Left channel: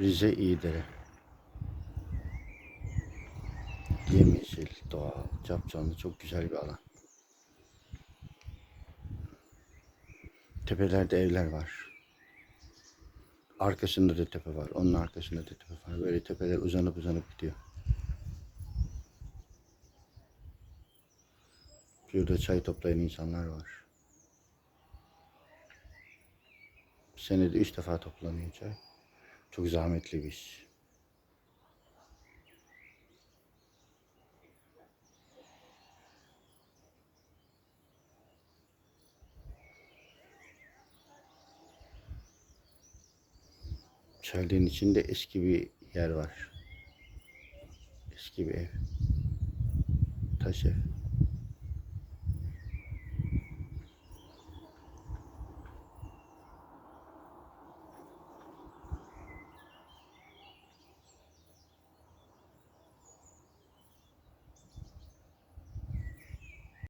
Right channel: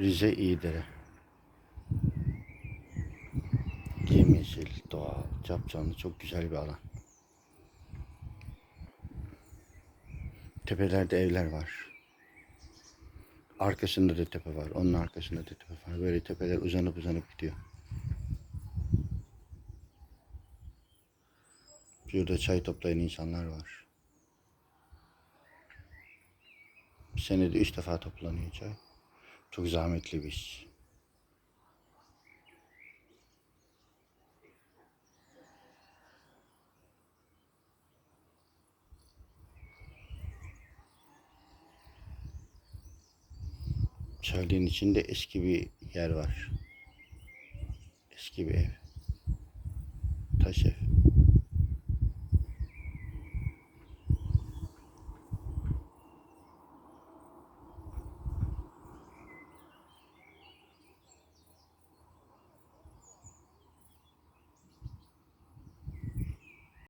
Rize İyidere. Yemyeşil, doğal, capcanlı, çok güzel bir alan. Tepelerde evler var. Arkasında da tepe var. Onun arkasında da tepe var. Böyle tepeler uzanıp uzanıp gidiyor. Şurada çay toplayan insanlar var. Senede üç defa toplanıyor çay. Çok zahmetli bir iş. Çaylığın içinde eski bir yer var. Eski bir ev. Taş ev.